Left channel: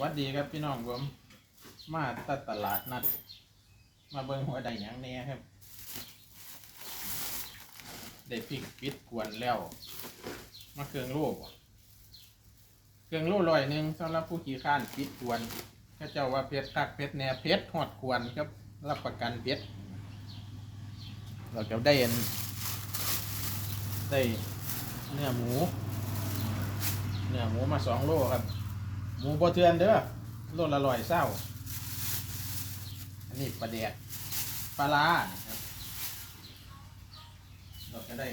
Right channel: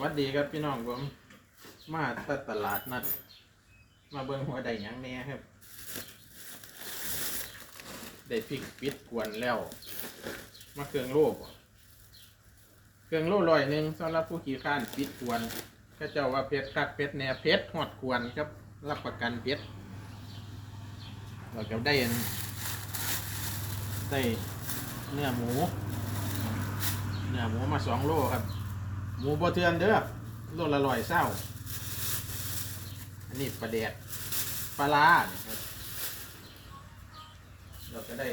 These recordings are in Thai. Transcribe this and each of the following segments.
วัสดีครับพี่น้องผมมาตัดตลาดนัด มาเบิ่งหัวใดหยังแหน่ครับ ได้พริกปิดกวนแล้ว มาเครื่องโล่เครื่องโล่ลอยหนึ่งสำหรับผู้ขี่ข้านปิดกวนถ้าเจ้าว่าเพชรคักเพชรแน่เพชรหอดกวนครับ รับประกันเพชรเราก็ได้อันได้เนื้อหมู เนื้อหมูมาสองโลครับ หมูบะเทือนเด้อโลละร้อยเศร้า อันนี้ปลาแดกปลาลาเราก็ได้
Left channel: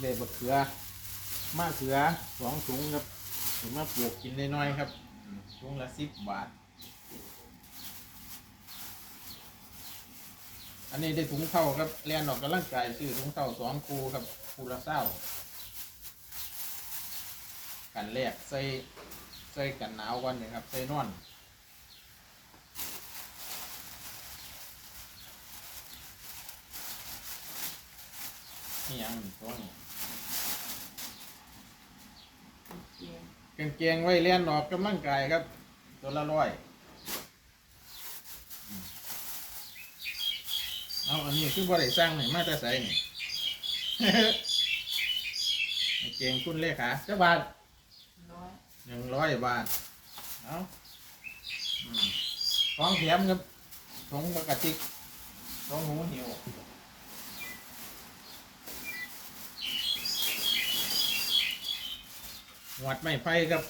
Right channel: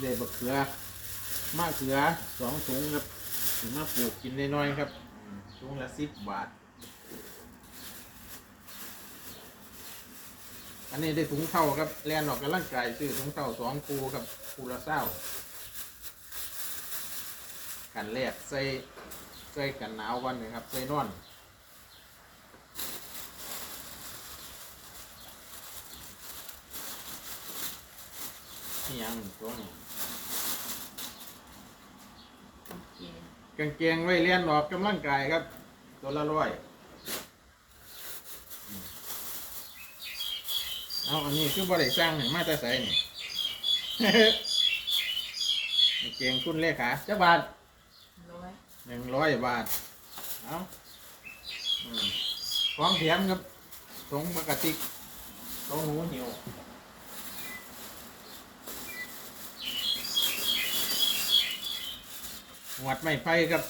ได้บะเขือมะเขือสองถุงครับถึงมาปลูกกินน้อยๆครับถุงละสิบบาท อันนี้ได้ถุงเท่าครับแลนออกกำลังกายซื้อถุงเท่าสองคูครับคูละเศร้า กันแรกใส่ใส่กันหนาวก่อนนะครับใส่นอนนี่ยังตรงกางเกงไว้เลียนออกกำลังกายครับ ตัวละร้อยอืมเอาอันนี้คือบ่ได้สร้างหนึ่งมาจะใส่นี่กางเกงคุณเลขาเจ้าบาทน้อย หนึ่งร้อยบาท เอาอืมของแถมครับถุงปกติถุงหูหิวหวัดไม่ไฟครับ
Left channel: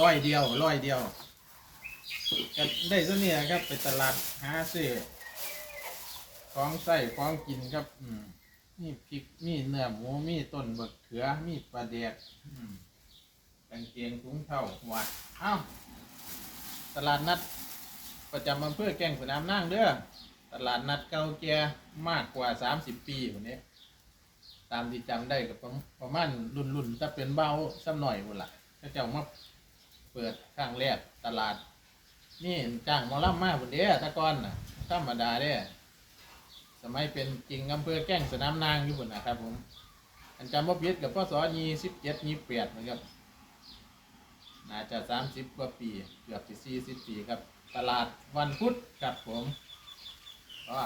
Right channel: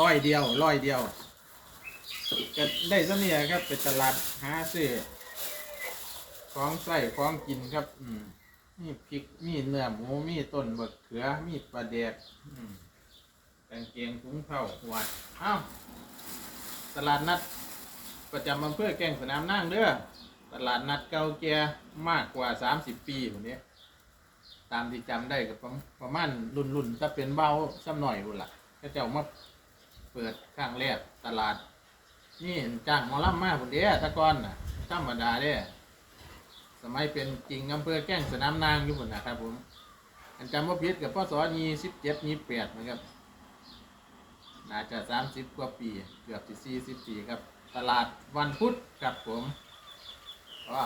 ร้อยเดียวร้อยเดียวจะได้ซะเนี่ยครับไปตลาดหาซื้อของใส่ของกินครับ อืมมีพริกมีเนื้อหมูมีต้นบะเขือมีปลาแดกอืม กางเกงถุงเท้าวัดเอ้าตลาดนัดประจำอำเภอแก่งสนามนั่งเด้อตลาดนัดเก่าแก่มากกว่า 30 ปีอยู่นี้ตามที่จำได้ก็ประประมาณรุ่นรุ่นๆถ้าเป็นเบาซ้ำหน่อยรุ่นละก็จะเอามาเปิดข้างแรกตลาด นี่จ้างมอลล่ำมาพุ่นเด้อแตะกอนน่ะธรรมดาเด้อสมัยเป็นจริงอำเภอแก่งสนามนางอยู่พุ่นนะครับผม อันจำว่าพิษกับพ่อสอนีสิบเจ็ดนีแปดเหมือนกัน น่าจะสามสิบกว่าปีเกือบสี่สิบปีครับ ตลาดวันพุธครับผมอ๋อ